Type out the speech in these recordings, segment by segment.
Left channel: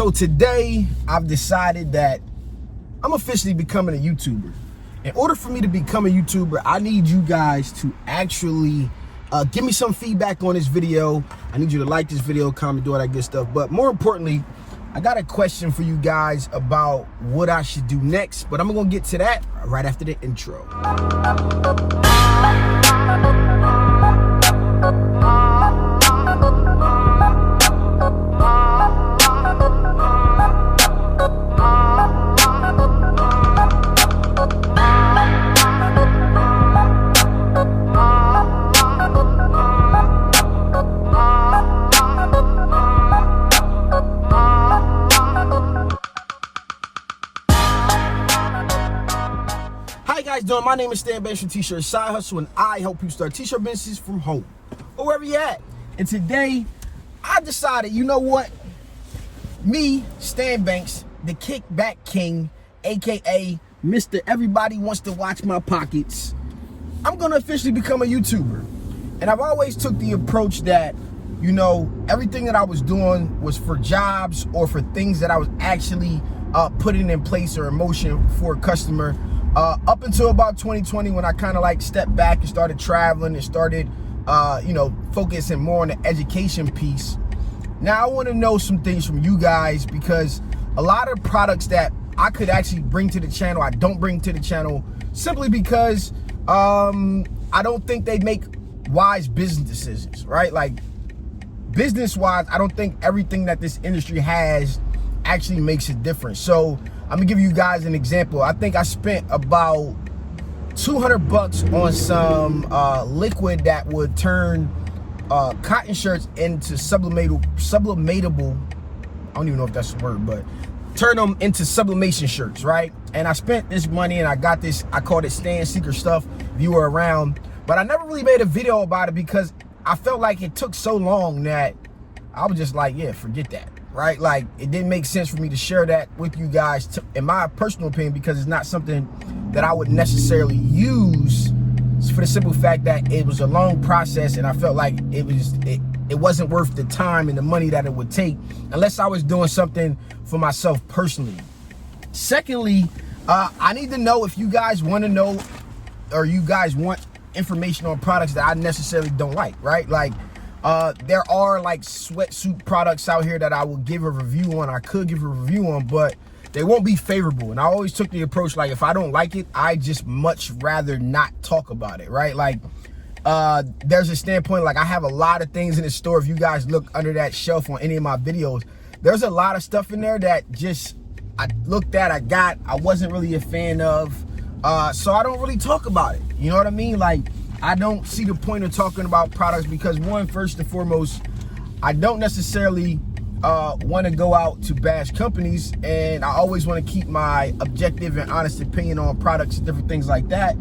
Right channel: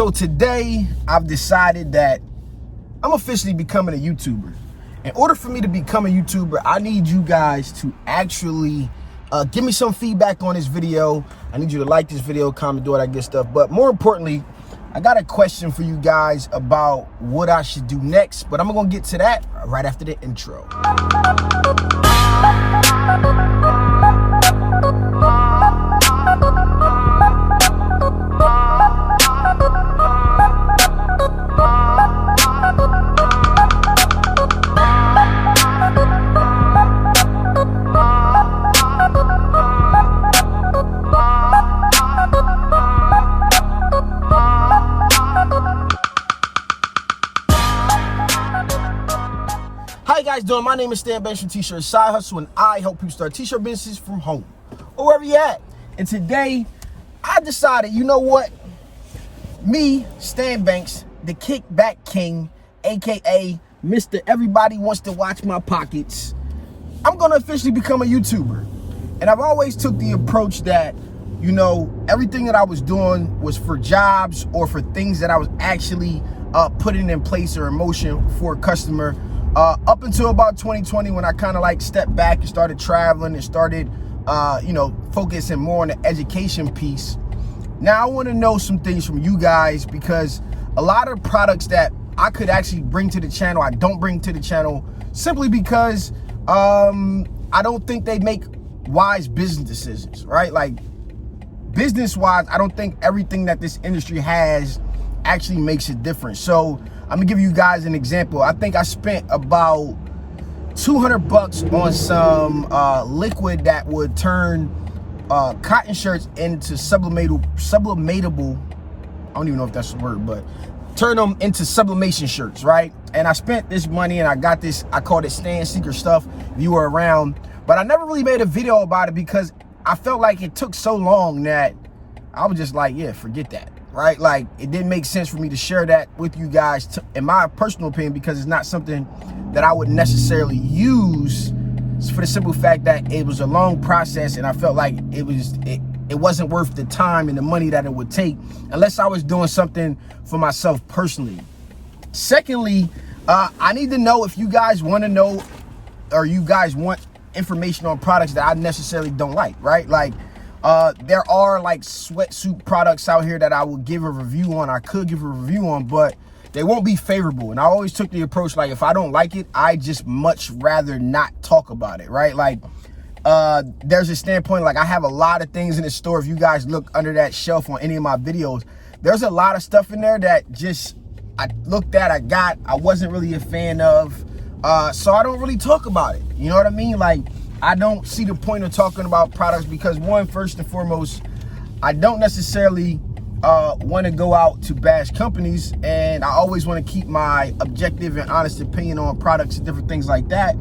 So today I've decided that I'm officially becoming a YouTuber. In order for me to become a YouTuber, I need you guys to actually give me some feedback on this video. I need you to like this video, comment, do all that good stuff. But more importantly, I got a question for you guys about what I should do next, but I'm gonna get to that right after the intro. How you guys doing? My name is Stan Banks from T-Shirt Side Hustle, and I help people start t-shirt businesses from home or wherever you at. And today, I decided, you know what? Me, Stan Banks, the Kickback King, aka Mr. Everybody Wants to Watch My Pockets, I'm gonna officially become a YouTuber. And I've always took the approach that, you know, everything that I was doing was for jobs or for things that I was actually putting in place or in motion for a customer. Up until about 2020, when I kind of like stepped back and started traveling and started, you know, focusing more on the education piece. Now I want to know some things from you guys, because a lot of products that I could actually bring to the channel, I don't bring to the channel simply because I don't think they make wise business decisions, right? Like business-wise, I don't think everything that this industry has actually makes a difference. So I'm gonna give you guys an example. I think I spent about $200 on some liquid that would turn cotton shirts into sublimatable, I don't even know if that's the word, but turn them into sublimation shirts, right? And I spent this money and I got this, I called it Stan Secret Stuff, if you were around, but I never really made a video about it because I felt like it took so long that I was just like, yeah, forget that. Right? Like, it didn't make sense for me to share that with you guys, in my personal opinion, because it's not something that I would necessarily use, for the simple fact that it was a long process and I felt like it wasn't worth the time and the money that it would take unless I was doing something for myself personally. Secondly, I need to know if you guys want to know, or you guys want information on products that I necessarily don't like, right? Like, there are like sweatsuit products out here that I will give a review on. I could give a review on, but they won't be favorable. And I always took the approach, like, if I don't like it, I just much rather not talk about it, right? Like, there's a standpoint, like I have a lot of things in the store. If you guys look under that shelf on any of my videos, there's a lot of stuff in there that just I looked at, I wasn't really a fan of. So I don't really talk about it. You know what I mean? Like, I don't see the point of talking about products because, one, first and foremost, I don't necessarily want to go out to bash companies, and I always want to keep my objective and honest opinion on products and different things like that.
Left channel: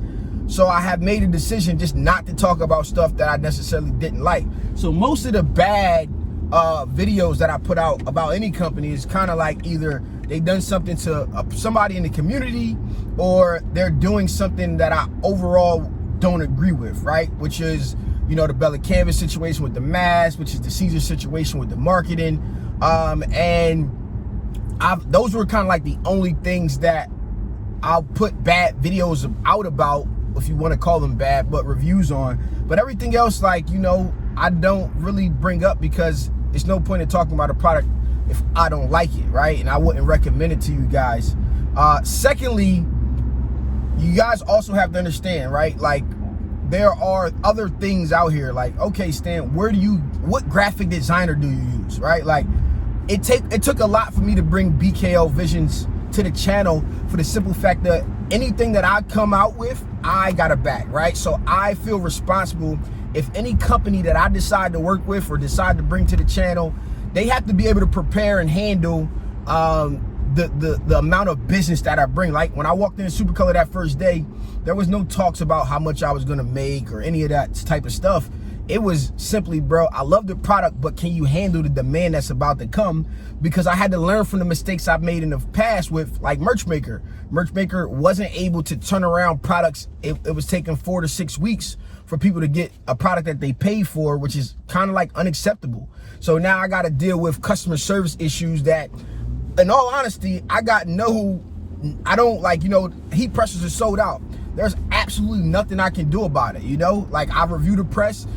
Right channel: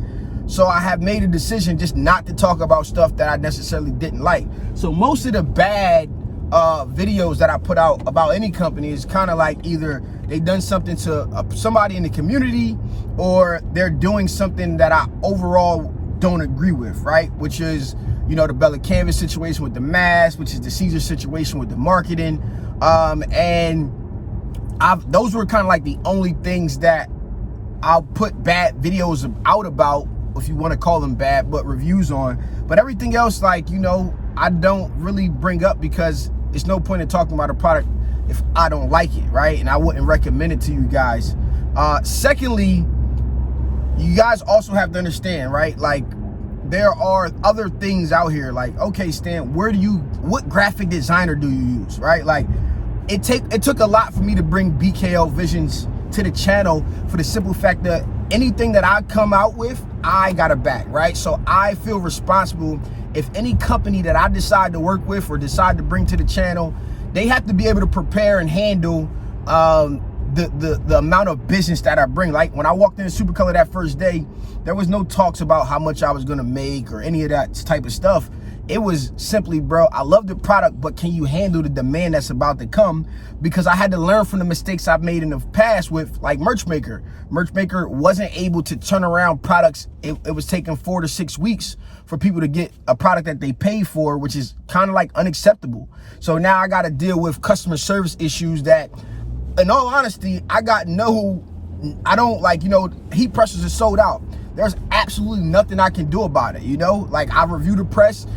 So I have made a decision just not to talk about stuff that I necessarily didn't like. So most of the bad videos that I put out about any company is kind of like either they've done something to somebody in the community, or they're doing something that I overall don't agree with, right? Which is, you know, the Bella Canvas situation with the mask, which is the Caesar situation with the marketing. And those were kind of like the only things that I'll put bad videos out about, if you want to call them bad, but reviews on. But everything else, like, you know, I don't really bring up because there's no point in talking about a product if I don't like it, right? And I wouldn't recommend it to you guys. Secondly, you guys also have to understand, right? Like, there are other things out here. Like, okay, Stan, what graphic designer do you use, right? Like, it took a lot for me to bring BKL Visions to the channel, for the simple fact that anything that I come out with, I gotta back, right? So I feel responsible. If any company that I decide to work with or decide to bring to the channel, they have to be able to prepare and handle the amount of business that I bring. Like, when I walked into Supercolor that first day, there was no talks about how much I was gonna make or any of that type of stuff. It was simply, bro, I love the product, but can you handle the demand that's about to come? Because I had to learn from the mistakes I've made in the past with, like, Merchmaker. Merchmaker wasn't able to turn around products. It was taking 4 to 6 weeks for people to get a product that they paid for, which is kind of like unacceptable. So now I got to deal with customer service issues that in all honesty, I don't like, heat pressers are sold out. There's absolutely nothing I can do about it, Like, I review the press.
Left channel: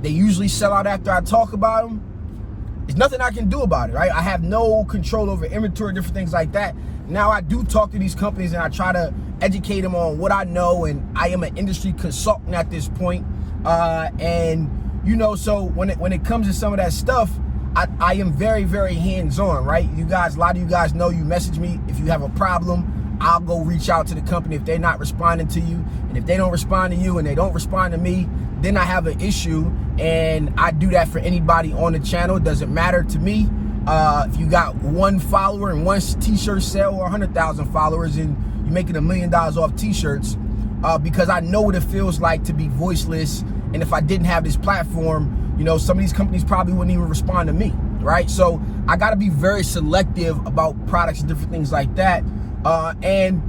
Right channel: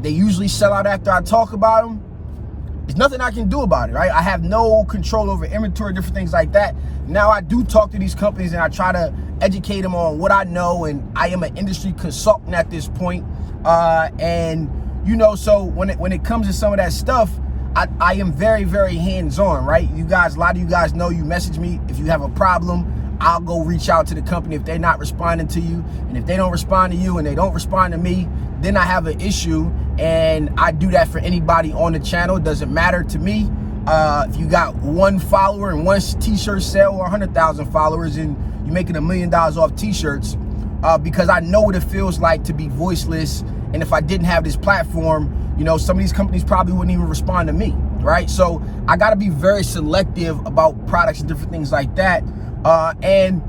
They usually sell out after I talk about them. There's nothing I can do about it, right? I have no control over inventory, different things like that. Now, I do talk to these companies and I try to educate them on what I know, and I am an industry consultant at this point. So when it comes to some of that stuff, I am very, very hands-on, right? A lot of you guys know, you message me if you have a problem. I'll go reach out to the company if they're not responding to you. And if they don't respond to you and they don't respond to me, then I have an issue. And I do that for anybody on the channel. It doesn't matter to me. If you got 1 follower and 1 t-shirt sale, or 100,000 followers, and you're making $1 million off t-shirts, because I know what it feels like to be voiceless. And if I didn't have this platform, some of these companies probably wouldn't even respond to me, right? So I got to be very selective about products and different things like that. And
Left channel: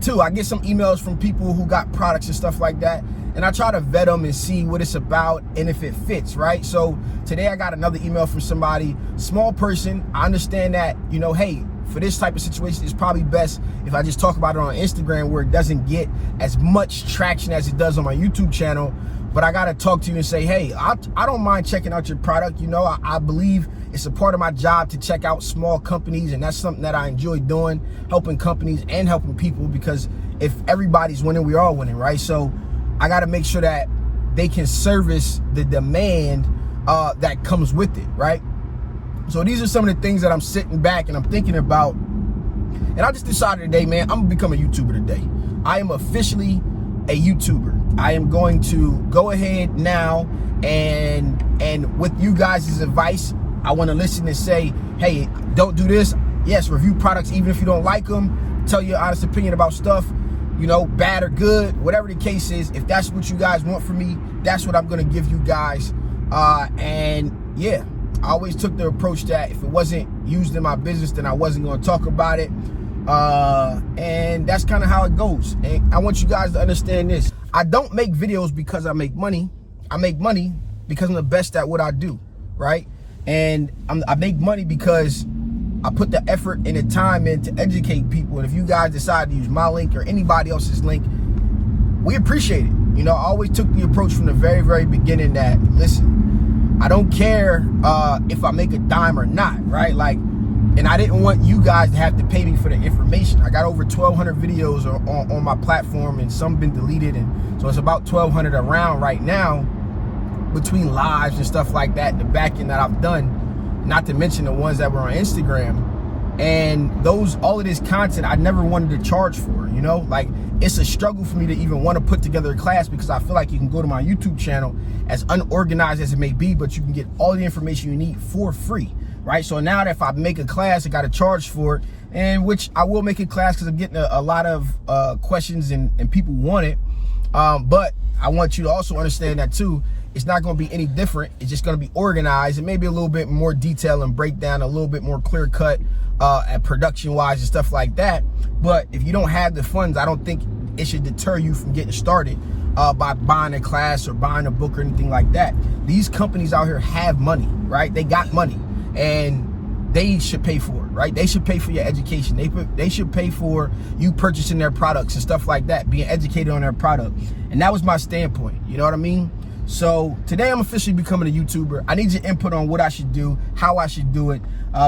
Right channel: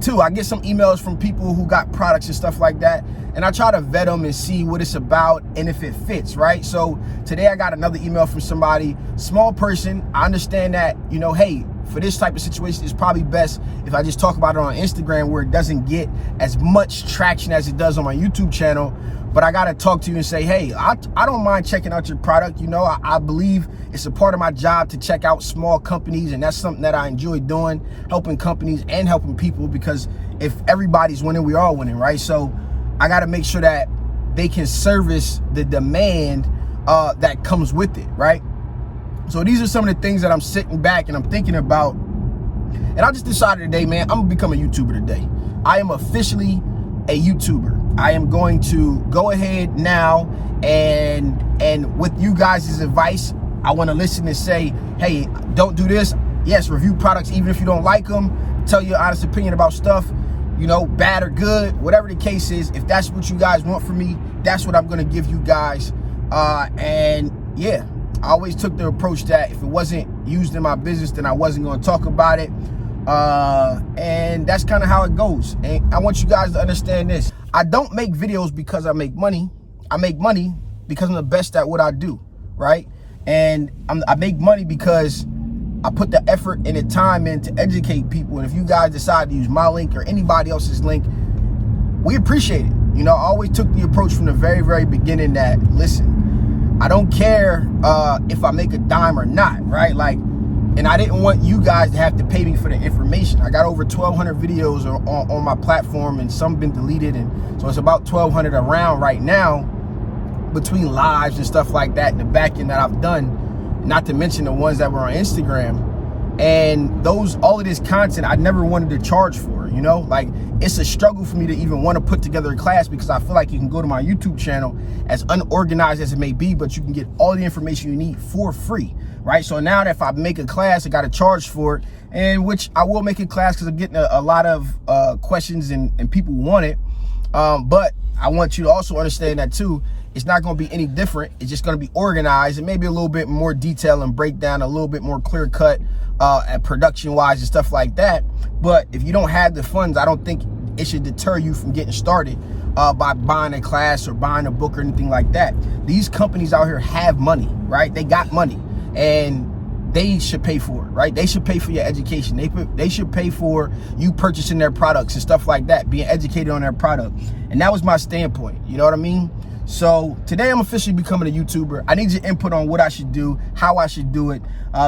2, I get some emails from people who got products and stuff like that, and I try to vet them and see what it's about and if it fits, right? So today I got another email from somebody, small person. I understand that, hey, for this type of situation, it's probably best if I just talk about it on Instagram, where it doesn't get as much traction as it does on my YouTube channel. But I got to talk to you and say, hey, I don't mind checking out your product. I believe it's a part of my job to check out small companies, and that's something that I enjoy doing, helping companies and helping people, because if everybody's winning, we're all winning, right? So I got to make sure that they can service the demand that comes with it, right? So these are some of the things that I'm sitting back and I'm thinking about. And I just decided today, man, I'm gonna become a YouTuber today. I am officially a YouTuber. I am going to go ahead now and with you guys' advice, I want to listen and say, hey, don't do this. Yes, review products even if you don't like them. Tell your honest opinion about stuff, bad or good, whatever the case is. If that's what you guys want from me, that's what I'm going to give you guys. And yeah, I always took the approach that if it wasn't used in my business, then I wasn't going to talk about it. And that's kind of how it goes. And I want you guys to understand this. I don't make videos because I make money. I make money because I'm the best at what I do, right? And I make money because I put the effort and the time in to educate people. And if you guys decide to use my link or anybody else's link, we appreciate it. I always took the approach from the very, very beginning that, listen, I don't care if I make a dime or not, right? And I didn't want you guys to have to pay me for the information. I got over 1,200 videos on my platform, and some been deleted, and so it's about 1,200 around right now, between lives and stuff like that, and the back end that I've done, not to mention the ones that were on Instagram. And all of this content I never wanted to charge for, it's a struggle for me to even want to put together a class, because I feel like you can go to my YouTube channel, as unorganized as it may be, but you can get all the information you need for free, right? So now that if I make a class, I got to charge for it, and which I will make a class because I'm getting a lot of questions and people want it. But I want you to also understand that too, it's not going to be any different. It's just going to be organized and maybe a little bit more detail and breakdown, a little bit more clear cut and production wise and stuff like that. But if you don't have the funds, I don't think it should deter you from getting started by buying a class or buying a book or anything like that. These companies out here have money, right? They got money, and they should pay for it, right? They should pay for your education. They should pay for you purchasing their products and stuff like that, being educated on their product. And that was my standpoint, you know what I mean? So today I'm officially becoming a YouTuber. I need your input on what I should do, how I should do it,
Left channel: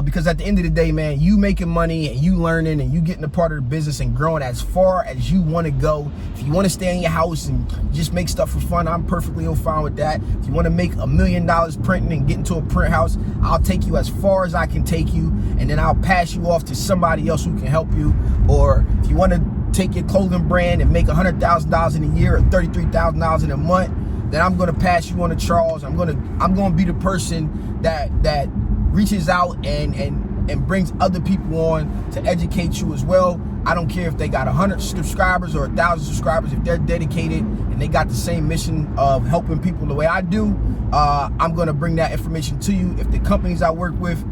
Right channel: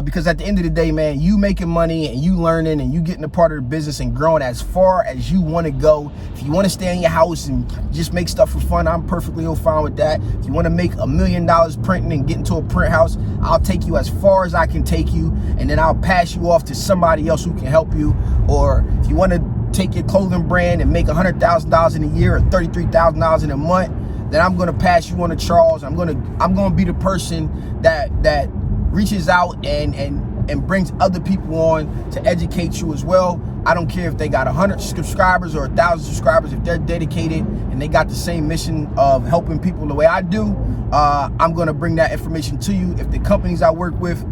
because at the end of the day, man, you making money and you learning and you getting a part of the business and growing as far as you want to go. If you want to stay in your house and just make stuff for fun, I'm perfectly fine with that. If you want to make $1 million printing and get into a print house, I'll take you as far as I can take you, and then I'll pass you off to somebody else who can help you. Or if you want to take your clothing brand and make $100,000 in a year or $33,000 in a month, then I'm gonna pass you on to Charles. I'm gonna be the person that reaches out and brings other people on to educate you as well. I don't care if they got 100 subscribers or 1,000 subscribers. If they're dedicated and they got the same mission of helping people the way I do, I'm gonna bring that information to you. If the companies I work with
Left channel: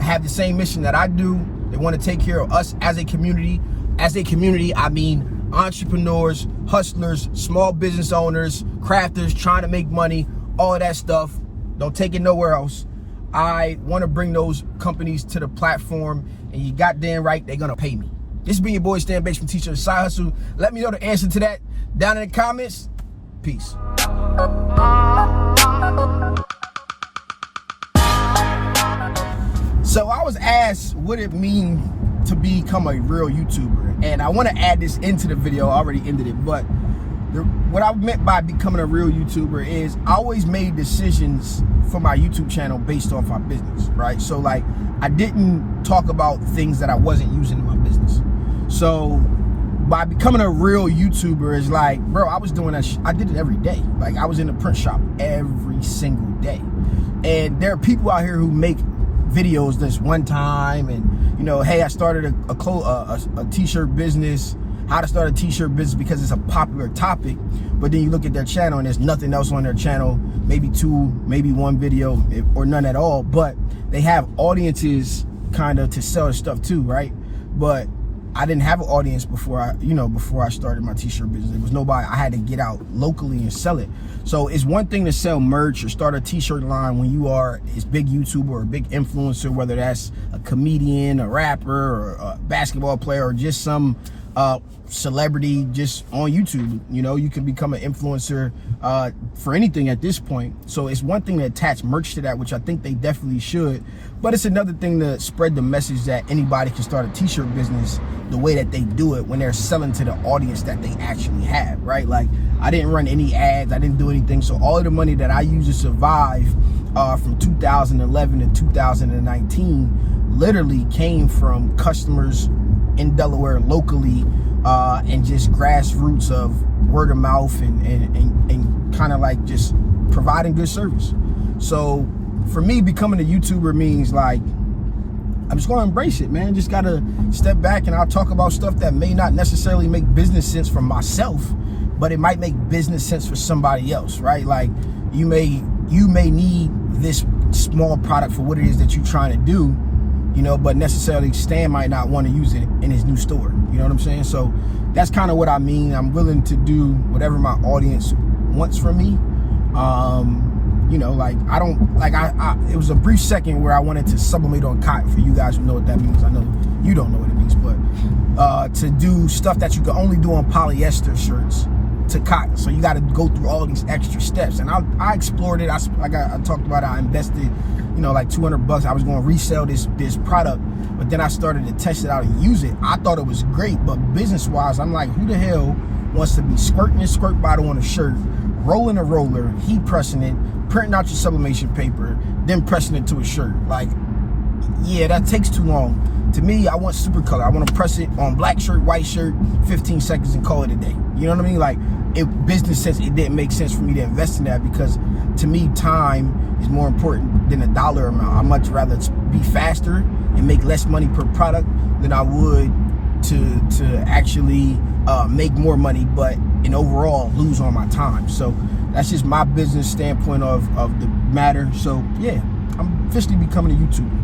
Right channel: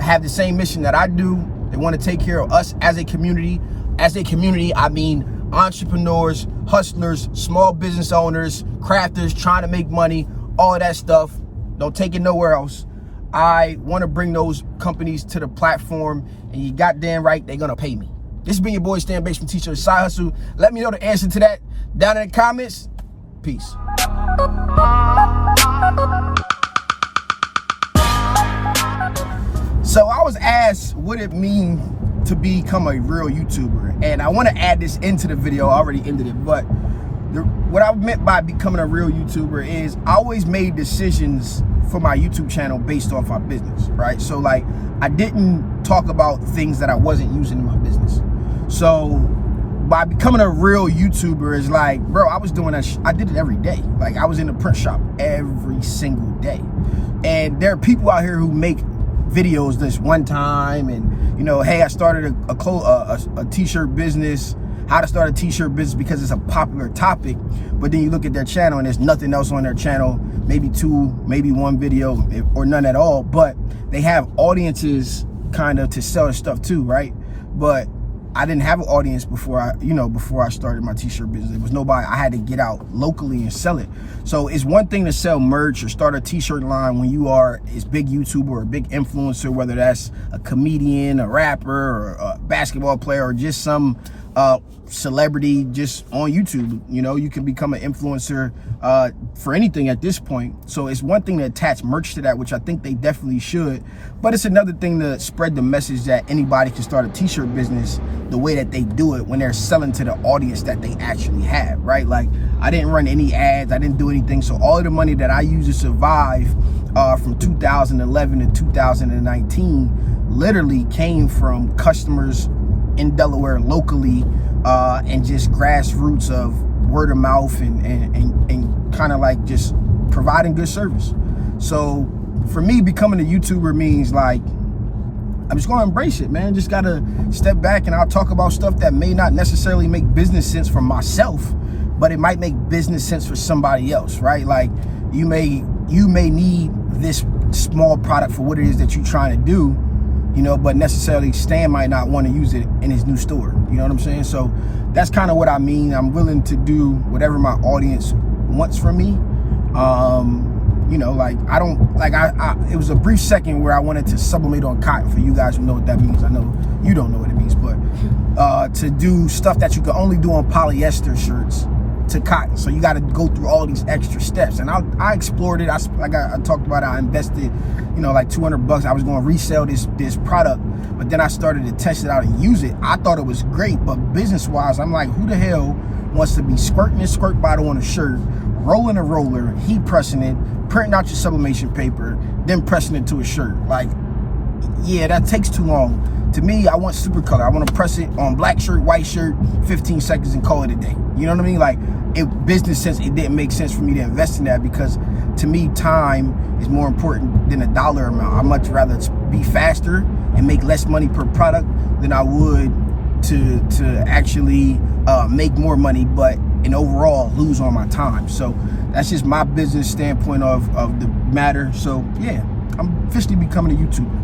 have the same mission that I do, they want to take care of us as a community. As a community, I mean entrepreneurs, hustlers, small business owners, crafters trying to make money, all of that stuff. Don't take it nowhere else. I want to bring those companies to the platform, and you goddamn right, they're gonna pay me. This has been your boy Stan Bates from T-Shirt Side Hustle. Let me know the answer to that down in the comments. Peace. So I was asked what it means to become a real YouTuber, and I want to add this into the video. I already ended it, but what I meant by becoming a real YouTuber is I always made decisions for my YouTube channel based off my business, right? So like, I didn't talk about things that I wasn't using in my business. So by becoming a real YouTuber is like, bro, I was doing that. I did it every day. Like, I was in the print shop every single day. And there are people out here who make videos this one time, and you know, hey, I started a t-shirt business. How to start a t-shirt business because it's a popular topic, but then you look at their channel and there's nothing else on their channel, maybe two, maybe one video, or none at all, but they have audiences kind of to sell their stuff too, right? But I didn't have an audience before I started my t-shirt business. There was nobody. I had to get out locally and sell it. So it's one thing to sell merch or start a t-shirt line when you are a big YouTuber or a big influencer, whether that's a comedian, a rapper, or a basketball player, or just some celebrity just on YouTube. You know, you can become an influencer for anything at this point. So it's one thing to attach merch to that, which I think they definitely should, but it's another thing to spread the message that anybody can start a t-shirt business the way that they do it when they're selling to the audience that they actually have, right? Like, I didn't run any ads, I didn't do anything. So all of the money that I used to survive from 2011 to 2019 literally came from customers in Delaware locally, and just grassroots of word of mouth and kind of like just providing good service. So for me, becoming a YouTuber means like, I'm just gonna embrace it, man. Just gotta step back, and I'll talk about stuff that may not necessarily make business sense for myself, but it might make business sense for somebody else, right? Like, you may need this small product for what it is that you're trying to do, you know, but necessarily Stan might not want to use it in his new store. You know what I'm saying? So that's kind of what I mean. I'm willing to do whatever my audience wants from me. You know, like, I don't, like, it was a brief second where I wanted to sublimate on cotton. For you guys who know what that means, I know you don't know what it means, but to do stuff that you can only do on polyester shirts to cotton. So you got to go through all these extra steps, and I explored it. I talked about it. I invested, you know, like $200. I was going to resell this product, but then I started to test it out and use it. I thought it was great, but business wise, I'm like, who the hell wants to be squirting a squirt bottle on a shirt, rolling a roller, heat pressing it, printing out your sublimation paper, then pressing it to a shirt? Like, yeah, that takes too long. To me, I want super color. I want to press it on black shirt, white shirt, 15 seconds and call it a day. You know what I mean? Like, in business sense, it didn't make sense for me to invest in that, because to me, time is more important than a dollar amount. I'd much rather be faster and make less money per product than I would to actually make more money, but and overall lose on my time. So that's just my business standpoint of the matter. So yeah, I'm officially becoming a YouTuber.